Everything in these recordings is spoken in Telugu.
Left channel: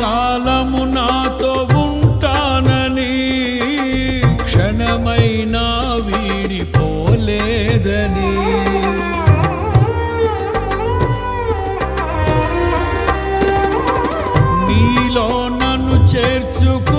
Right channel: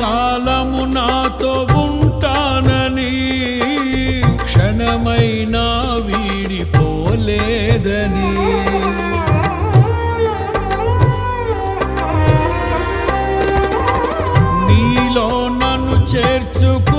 కాలము నాతో ఉంటానని క్షణమైనా వీడిపోలేదని. నీలో నన్ను చేర్చుకు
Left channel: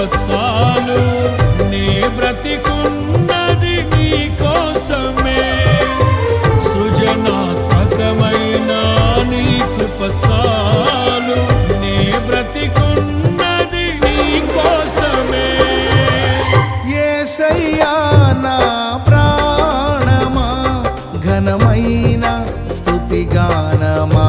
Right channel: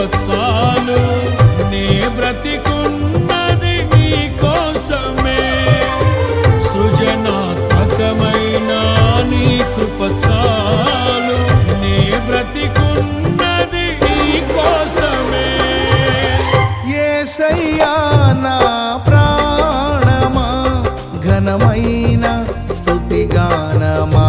కృప చాలు నే బ్రతికున్నది నీ కోసమే. సృజనాత్మకమైన నీ కృప చాలు నే బ్రతికున్నది నీ కోసమే. ఏసయ్యా నా ప్రాణమా ఘనమైన స్థుతిగానమా?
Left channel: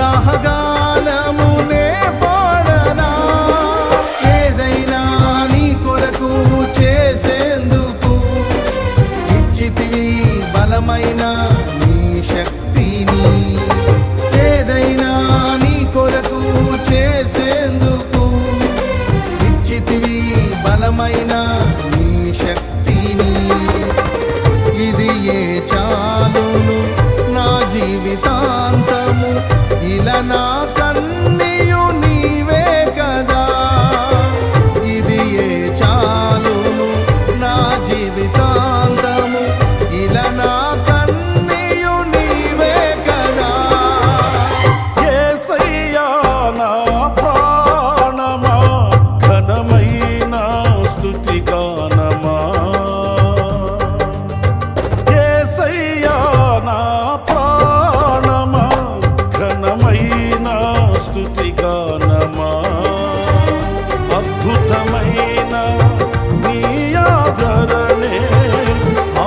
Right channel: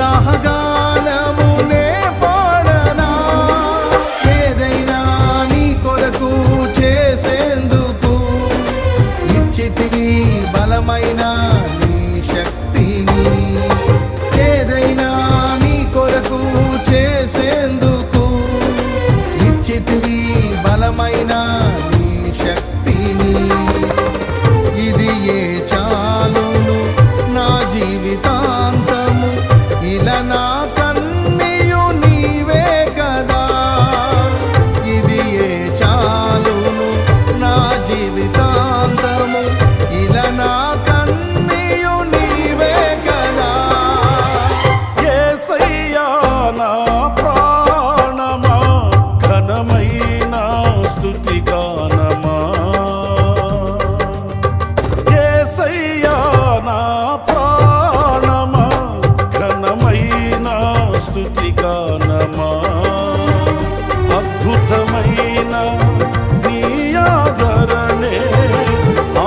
ఉత్సాహగానమునే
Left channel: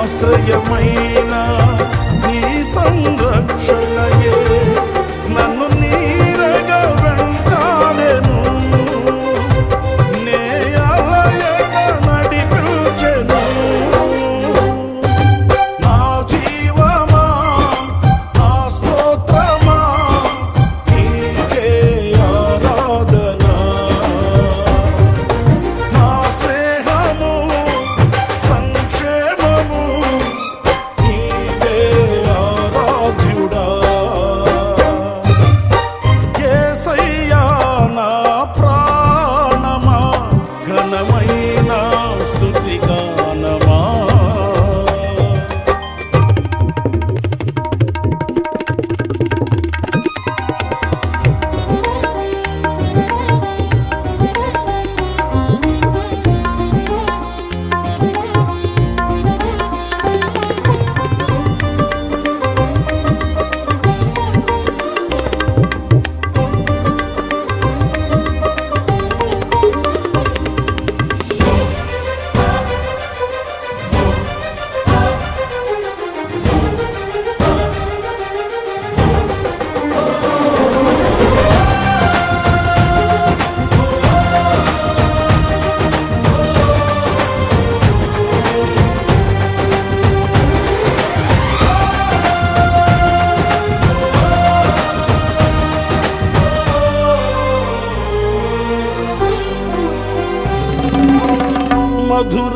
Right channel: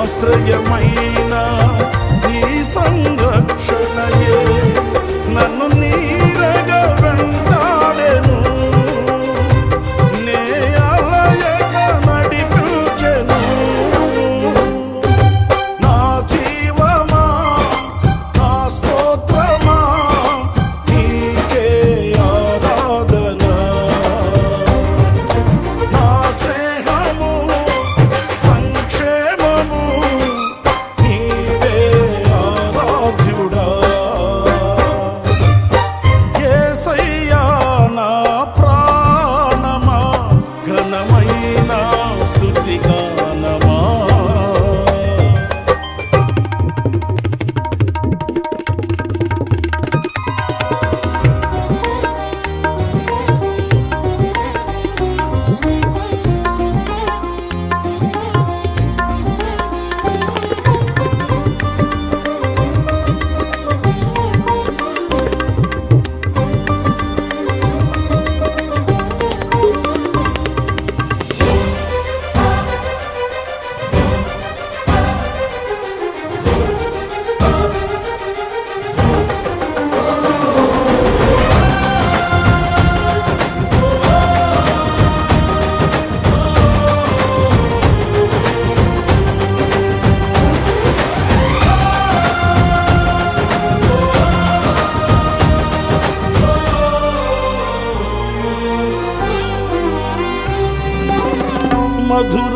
ఆశ్రయమైన నీ సంరక్షణయే నన్ను నీడగా వెంటా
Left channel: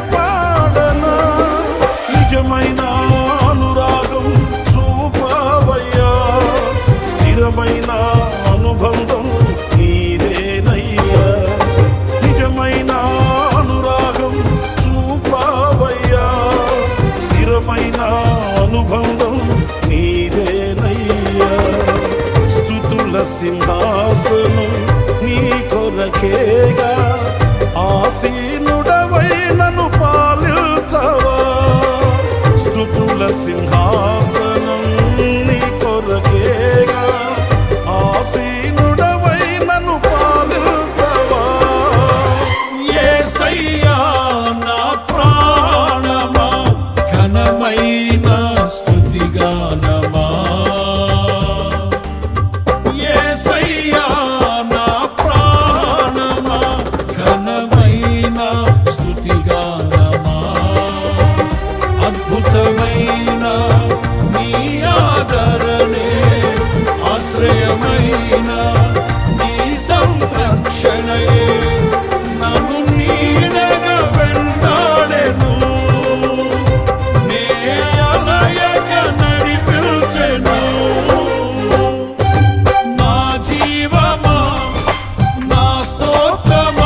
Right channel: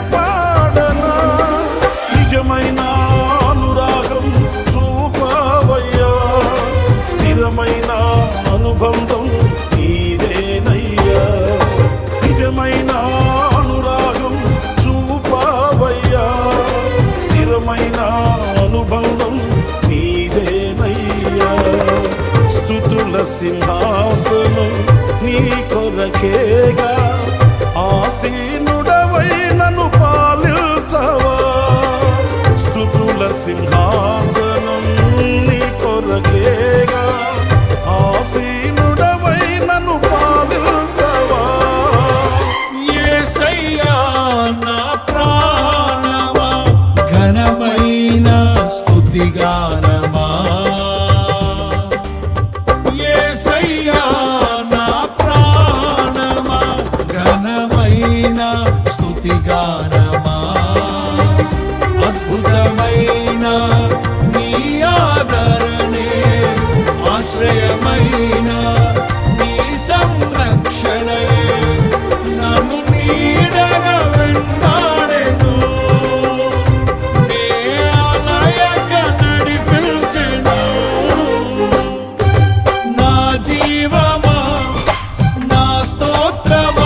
పాడనా? నిజమైన అనురాగం చూపవయ్యా. స్థిరమైన అనుబంధం నీదేనయ్యా. నిజమైన అనురాగం చూపవయ్యా. స్థిరమైన అనుబంధం నీదేనయ్యా. స్థుతుల సింహాసనం నీ కొరకేగా. ఆసీనుడవై నన్ను పాలించవా స్థుతుల సింహాసనం నీ కొరకేగా. ఆసీనుడవై నన్ను పాలించవా యేసయ్యా నా ప్రాణమా ఘనమైన స్థుతిగానా. అద్భుతమైన స్థుతిగానమా అద్భుతమైన నీ ఆదరణే ఆశ్రయమైన నీ సంరక్షణయే. నన్ను నీడగా వెంటాడెను. నే ఆలయక నడిపించెను. నా జీవమా నా స్తోత్రమా?